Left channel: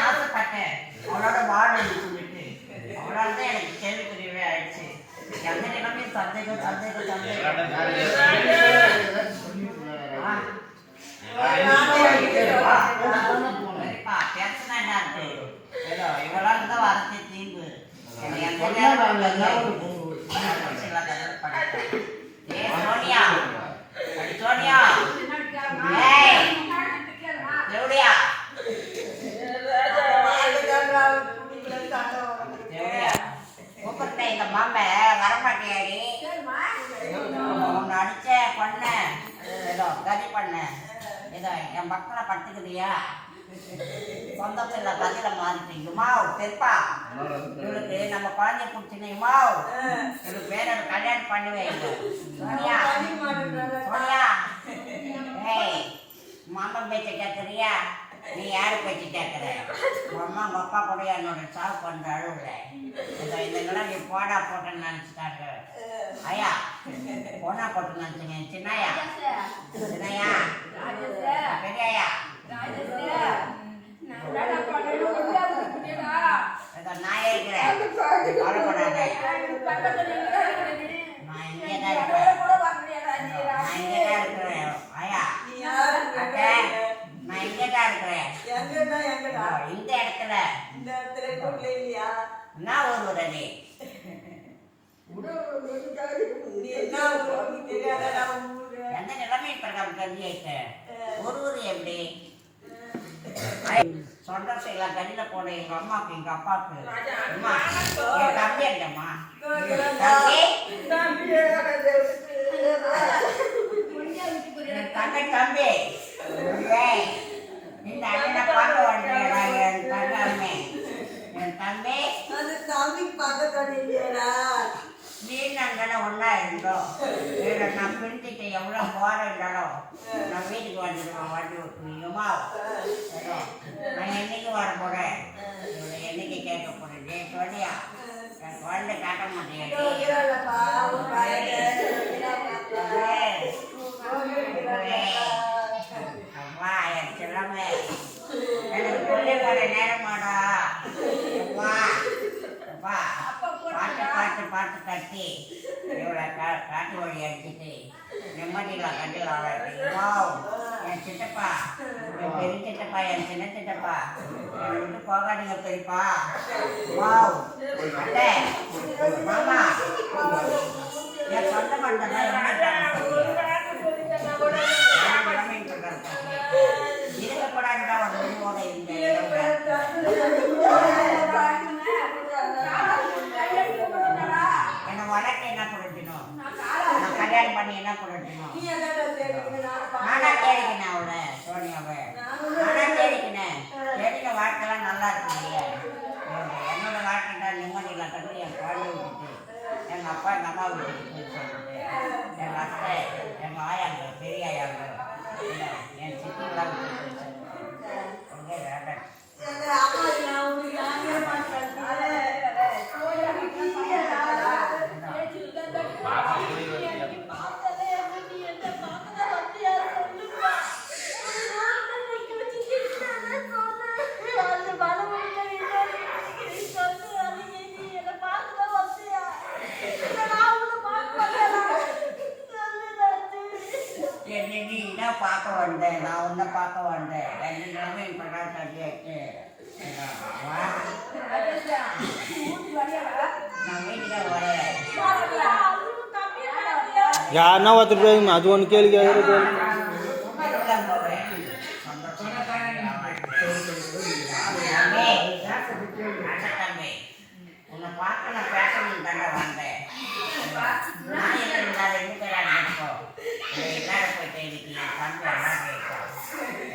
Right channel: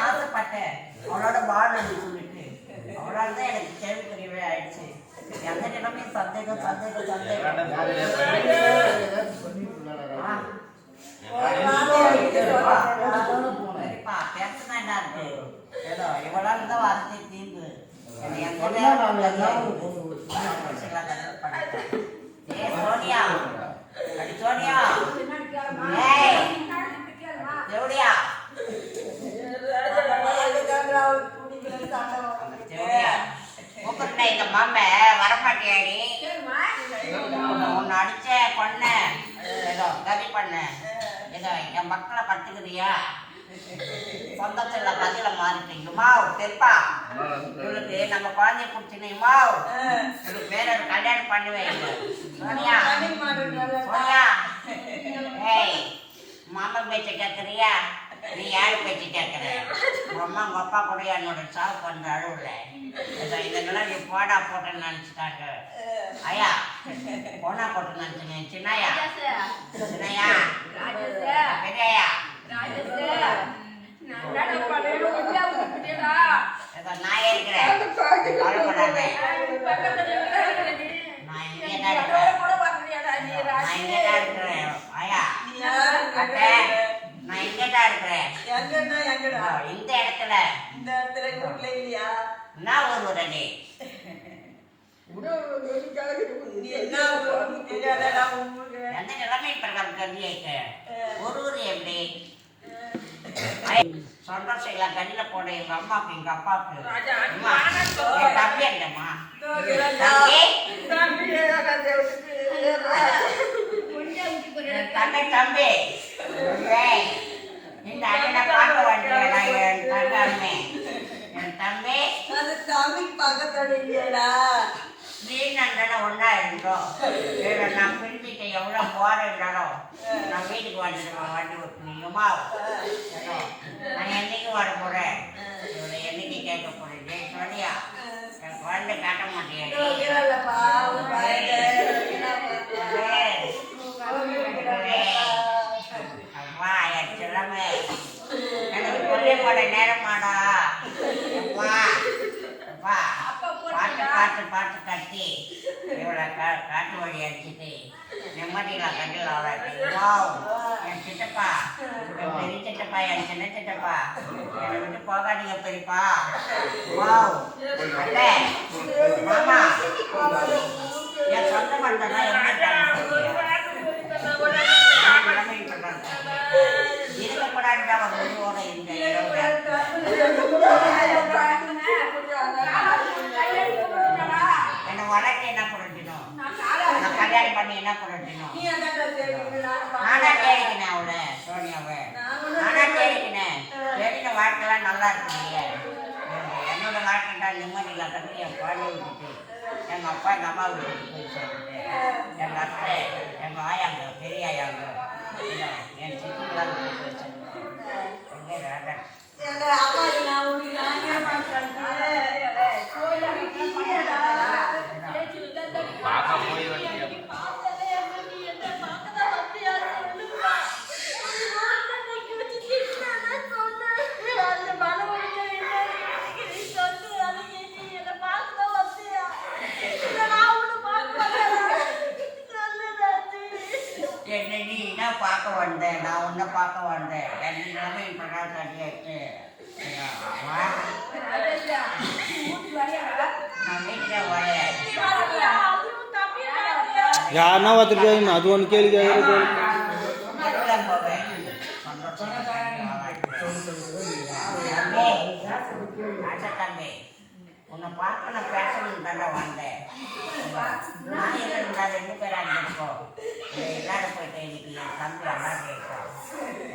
ஆசைப்பட்டேன். அவளோட வாழணும்னு சொல்லிட்டு. அவளால தான் எனக்கு கேள்விக்குரியவே ஆயிடுச்சு. எந்த நிலைமையும் சந்தேகம் சந்தேகம் சந்தேகம் ஆ. சரிப்பா, சரிப்பா, பேசினா என்ன இருக்கு? ஏதோ இவளால தான் வாழ்க்கை தீங்கு. என்னை எந்த நேரமும் கல்யாணம் சில கதை பண்ணிட்டேன். ஏய், சோனியா அடி சோனியா ஏய் தேவடியா தேவடியா கூப்பிட்டேன் இந்த மாம வரமாட்டியாடி உன்னை அடிச்ச பண்ண ஏதோ கதி பண்ண ஏதோ என் மக்களை பட்டுக்குதியா சொந்தத்தில் கதையில மாறிட்டீங்கம்மா பெருப்பா இவளுக்கு நம்ம குழந்தைய பிடிச்சினீங்கம்மா இவளுக்கு வேற ஒரு கல்யாணம் பண்ணி வைங்க. சோனியா. சோனியா. ஏய் மாமன் பேச்ச கேட்குறியா நீ யார் பேச்சு கேட்குற உங்க அம்மா உங்க அப்பா கூட என்னோட சாவு பண்ண அழுவுல ஏதோ இதெல்லாம் நீ போடா போட்டேன்னு நினச்சிட்டாங்க. ஐயா போனா போட்டு நினச்சிங்க சின்னையா? சின்னையா? பெரியா ஏதோ நான் இருக்கிறேன் கவலைப்படாத நான் இங்கே தான் இருக்கிறேன் நான் இங்கே இருக்கிறேன் ஐயா அட்டை நான் இங்கே தான் இருக்கிறேன் ஒரு நிலைமை பிரகாரம் ஒரு எப்படி? சந்தோஷம் இல்லை கல்லில் போட எங்க அம்மாவுக்கு எங்க அப்பாவுக்கு. அம்மா, என் தம்பி இல்லைம்மா. தம்பி? தங்கை தம்பி இந்த அண்ணனை பார்க்க வண்டியடா என் தங்கம்மே? என் தம்பி? நீ நண்டன ஒன்றா இருந்தோம் நான் பிரிஞ்சுட்டு எவ்வளோ இருந்தாலும் நான் வீட்டுக்கு வந்துடுவேன் வண்டி ஏதோ நான் என்னைக்கு வர போகிறேன் இவளை என்னைக்கு கேட்க போகிறேன் ஜெய் சொல்லியா என் குழந்தை காட்ட மாட்டேன் அம்மா என் செல்லமே எனக்கு கொல்லை போட நேரமாடா. அம்மா. அப்பா பாட்டு பாட்டு பாட்டு கட்டி இவளை கா காட்டு வழி அடிச்சுட்டு நிம்மதியில் கட்டில் வாவ் என் சித்தப்பா. என் பெரிய சித்தப்பா என் சின்ன சித்தப்பா. என்னை விட்டு போகாதீங்க பெரியப்பா. வாவ் அட்டே மாமா. என் சொந்த பந்தம் இருக்கக்கூடாதுடா ஒரு முடிவோட இந்த என்னை வளர்க்க என்ன புரட்டணும் நான் கல்யாணம் பண்ணி என்ன புரட்டணும் நானா தேடிக்கினேன் அவளை சோனியாவை. நானா தேடிக்கினேன். தேடின வாழ்க்கைலாம் நல்லா இருக்குங்க என்னோட வாழ்க்கை தான் நிம்மதியில் கட்டி என் குழந்தைய விட்டுட்டு எங்கள் அப்பா எங்கள் அம்மா வீட்டுக்கு போய் சொல்லிட்டு எங்கள் அத்தை எங்கள் ஆயாங்க பெரிய ஆயாங்க என் சித்திலாம் பார்க்க வந்தேன். நான் உன்னை பார்க்க வந்தேன். வெள்ளிக்கிழமை என் பிரகாஷ் தட்டியாச்சு நான் வீட்டுக்கே வரேன். யாருன்னா உன்னை பார்க்க நான் பேசணும் தானே வந்தேன். நான் எங்க இருந்தா ரெண்டு பேரா இருந்திருக்கோம் எல்லாரும் போயிட்டு இன்னைக்கு என் தம்பி எல்லாம் கேட்கும்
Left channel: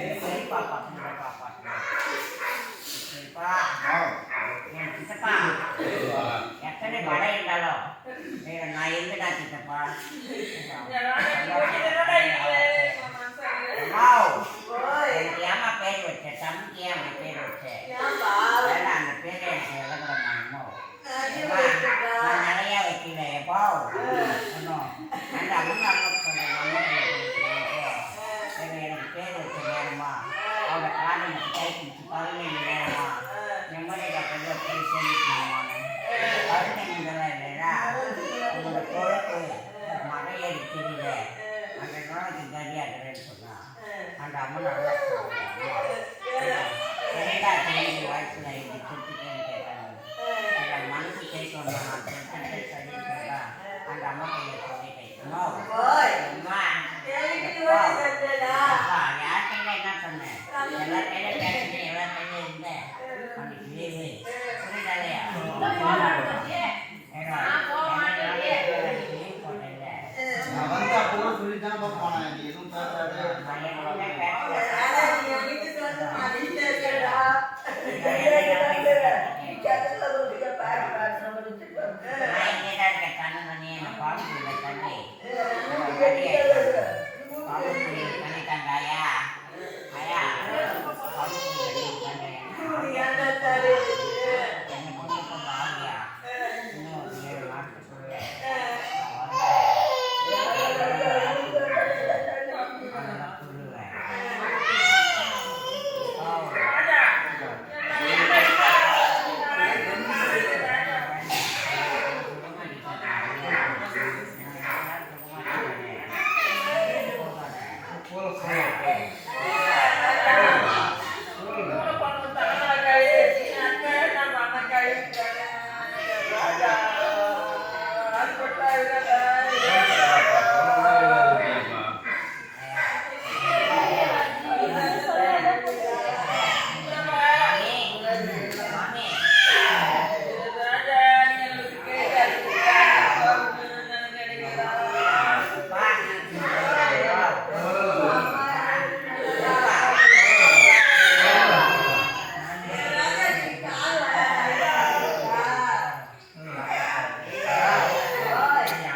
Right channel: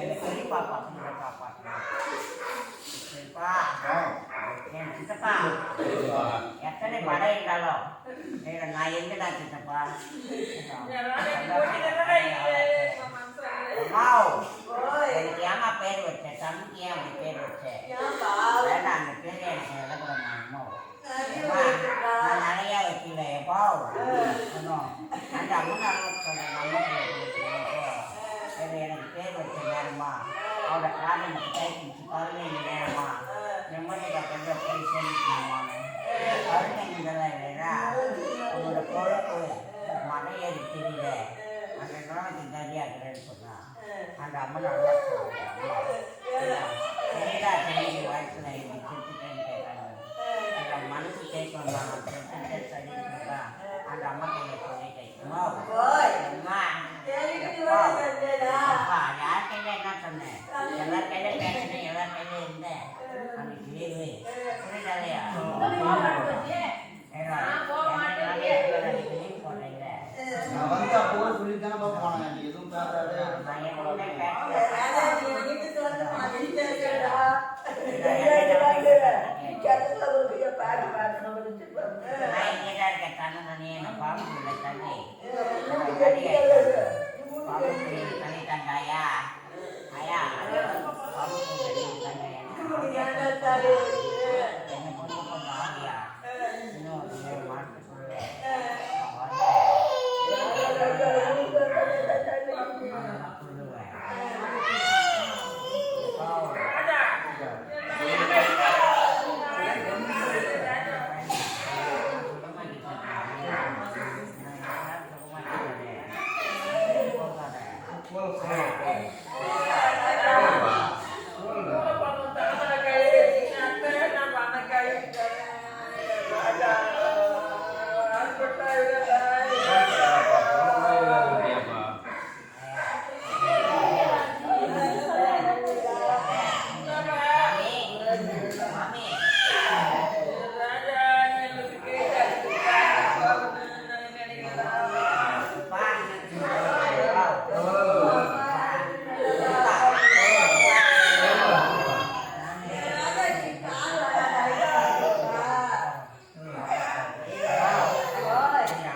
என் பெரியப்பா பக்கத்துல காப்பாற்றணும் பெரியப்பா என் சித்தப்பா? எத்தனை படை இருந்தாலும். நான் இருந்துடா சித்தப்பா? வாவ். எனக்கு ஏமா பேர் வச்ச? தம்பிக்கு ஏன் பேர் வச்ச வேண்டாம் அந்த பேர் எனக்கு எழுதக்கூடாது அம்மா நான் நிறையா வைக்க வாவ் ஒன்றும் அந்த அம்மன் அண்ணன் சொல்கிறேன் அம்மன் சரி எனக்கு பேர் வச்ச நேரமா அவரோட காலம் கை பிடிச்சி பதினஞ்சு நேரமா நிம்மதியாக கொஞ்சம் போய் சேர்ந்துக்கணுமான்னு பதினஞ்சுலாம் இல்லைன்னா உங்களோட பொழப்பு மலை ஏறி தெரியல அந்த நோய்க்கு சரியாகிறேன்னு சொன்னான் அந்த அம்மன் நல்லா சரிடா தெரிஞ்சு வயசுல இப்படி கொடுத்துட்டேன்னு கேட்டாங்க. மனசு கேட்கணும் நான் அந்த அம்மா கையை சொல்லிட்டேன் அம்மா, அம்மா, யார் கையில என்ன சொன்னேன்? எல்லா கையில இருந்தேன் அன்னைக்கு லீவு புரியுதாலையா ஏன்னா, எனக்கு அன்னைக்கு leave போட்டேன்ல. நான் வந்து அப்போ கூட சொல்லி தானே போனேன் நீ எதுவும் பேசாத நான் என்கிட்ட பேசல. நான் இங்கே தான் இருக்கேன் கண்ணனே தண்ணி பாம்பு தண்ணி தங்க ஐயா ஐயா தண்ணி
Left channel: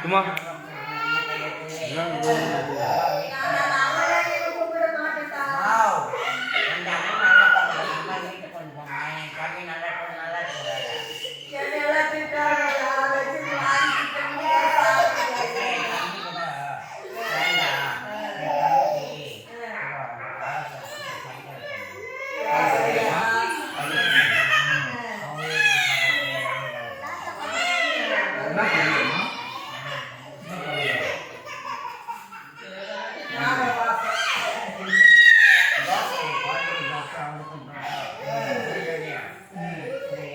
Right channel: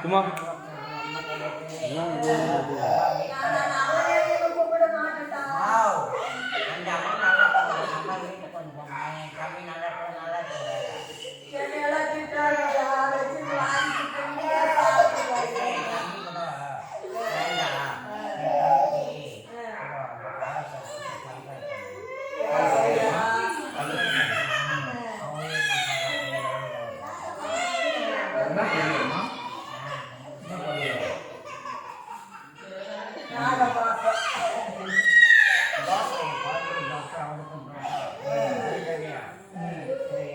சும்மா வாவ் அந்த அம்மா நல்லா பண்ணுறாங்க அம்மா வீட்டுக்கு கொண்டு போமா என் தம்பி நல்லா இருக்கு, நல்லா இருக்கிறாரு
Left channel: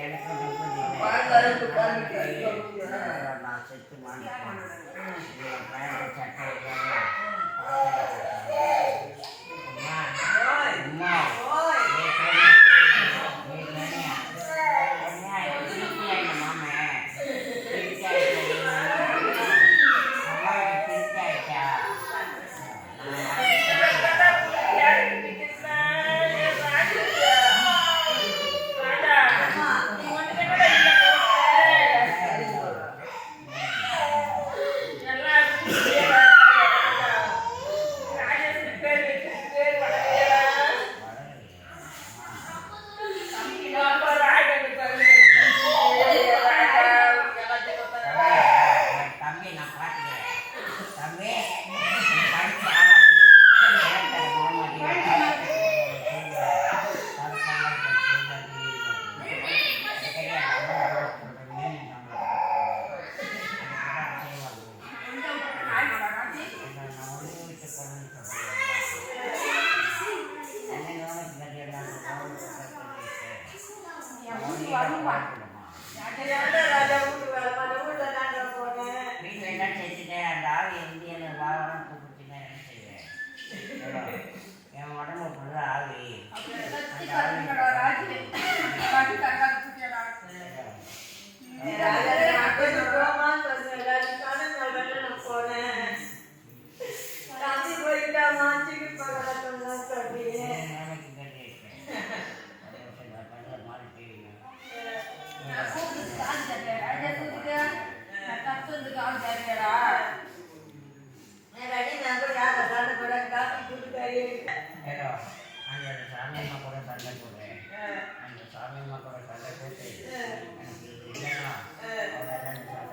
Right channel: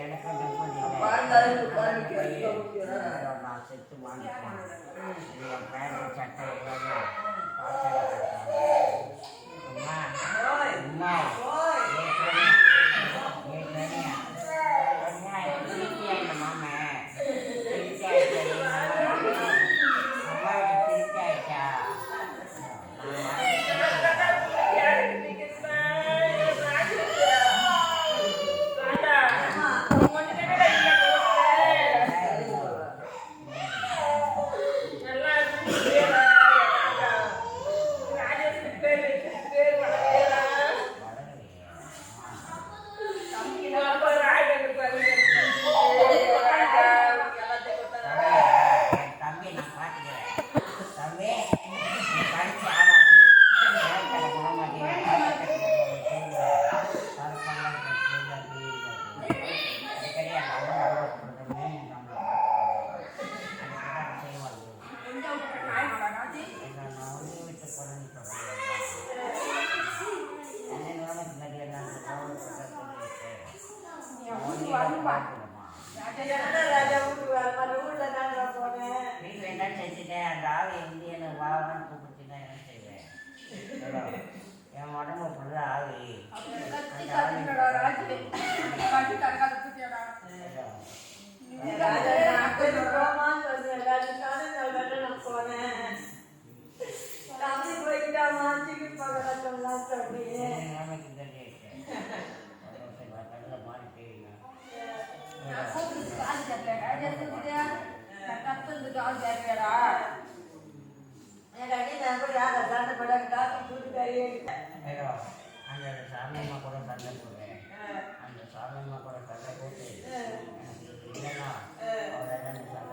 என்ன பண்ணுமா நான் செத்து அம்மா அம்மா தம்பி நான் பார்த்துக்கிறேன் தம்பி நீ படிச்சு ஆளாக்கி கேட்கற மாமாடி வீட்டில் என்ன செஞ்சுட்டேன் அந்த ஆள் இருந்து எனக்கு வாகனம் கூப்பிட்டுனா என்ன செய்வேன். என் உடம்பு ஃபுல்லாக ஆவி அந்த ஆவி அந்த சாமியம்மா கூட சண்டை போடுறேன் அந்த சாமியம்மா கூட சண்டை போட்டு எனக்கு இல்லைன்னா அவரை